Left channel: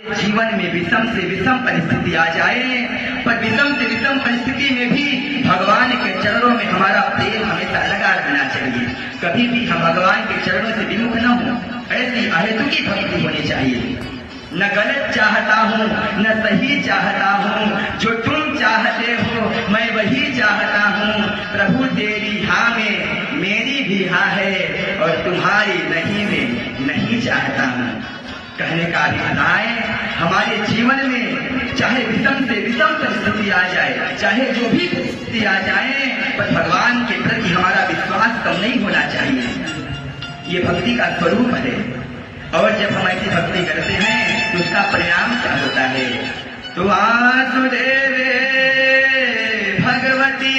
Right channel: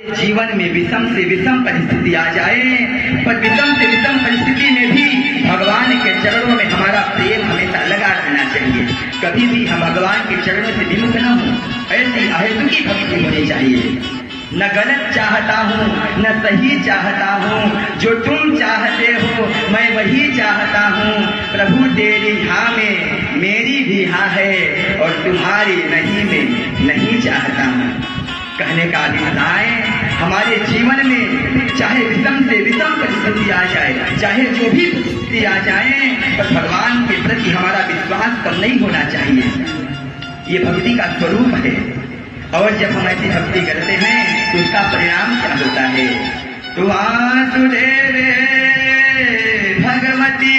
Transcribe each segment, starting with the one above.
जीवन में विषम से विषम परिस्थिति आ जाए, पर विषम से विषम परिस्थिति में भी भगवान के चरणों में हमारा प्रेम हमेशा लगा रहना चाहिए। कभी भी हम भगवान के चरणों से विमुख न हो, ऐसी अहेतुकी भक्ति होनी चाहिए। न गलत चाहता हूँ न सही चाहता हूँ, जो तुम चाहते हो मैं वही चाहता हूँ। प्रभु तेरी हाँ में मेरी भी हाँ है, और तुम्हारी नहीं में नहीं चाहता हूँ। कहने का अभिप्राय, हमारे जीवन में चाहे विषम से विषम परिस्थिति आ जाए, चाहे जो भी परिस्थिति आ जाए, पर भगवान के प्रति हमारा विश्वास कम नहीं होना चाहिए। ये भक्ति का स्वरूप है। और जब हम ऐसी भक्ति करते हैं तो उसका परिणाम क्या होता है? तो वासुदेवे भगवती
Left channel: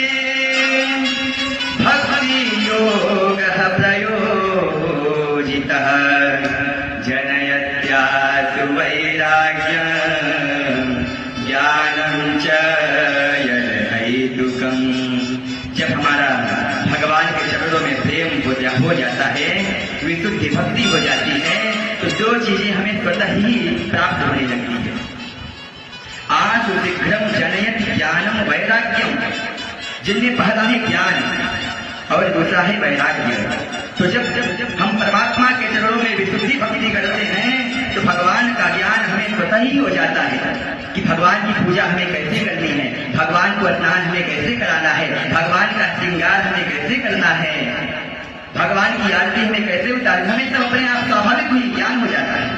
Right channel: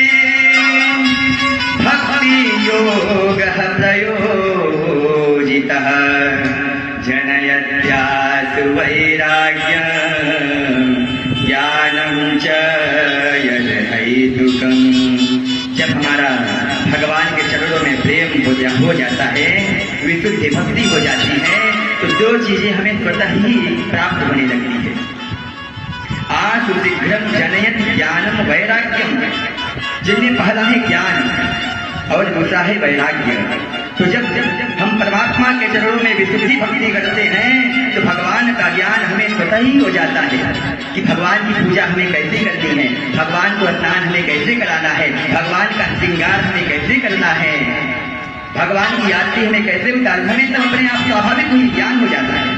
भक्ति योग प्रयोजितः जनयत्यासु वैराग्यं ज्ञानं च यदहैतुकम्। जब हमारा भगवान के चरणों में प्रेम हो जाता है, विशुद्ध भक्ति हो जाती है, तो जो चीजें हमें स्वतः ही प्राप्त होने लगती है। आसु शीघ्रम जनयत ज्ञानम वैराग्यम, जिनमें पहला है ज्ञान और दूसरा है वैराग्य। तो जब हम परमात्मा के चरणों में विशुद्धि भक्ति करते हैं, तो भगवान का ज्ञान हमें स्वतः ही हो जाता है कि भगवान की पूजा हमें कैसे करनी है, भगवान को स्नान हमें कैसे कराना है, भगवान का श्रृंगार हमें कैसे करना है, भगवान की आरती हमें कैसे उतारना, हमें सब अपने आप स्वाभाविक ही ज्ञान हो जाता है।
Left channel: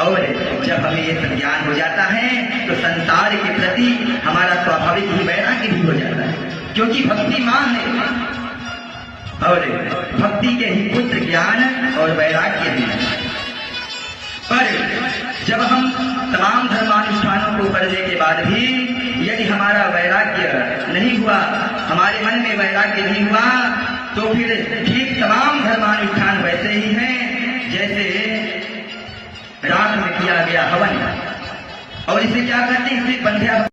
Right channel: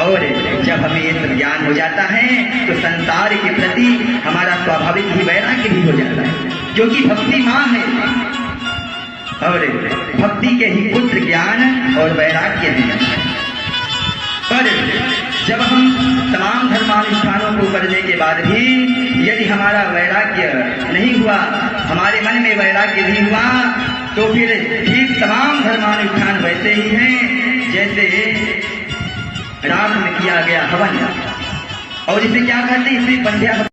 और जब हमें ये सब ज्ञान हो जाता है तो संसार के प्रति हमारा स्वाभाविक ही वैराग्य भी हो जाता है, क्योंकि भक्ति माँ है और भक्ति के ही पुत्र ज्ञान और वैराग्य है। पर जब हम तमाम धर्मानुष्ठानों को करने के बाद भी यदि हमारा वैराग्य नहीं हुआ, हमारे मन में वैराग्य नहीं हुआ, तो फिर ठीक तमाम धर्मानुष्ठान वैसे ही हैं जैसे रात में किया गया हवन। और इसे क्या कहते हैं? इसे बंध्या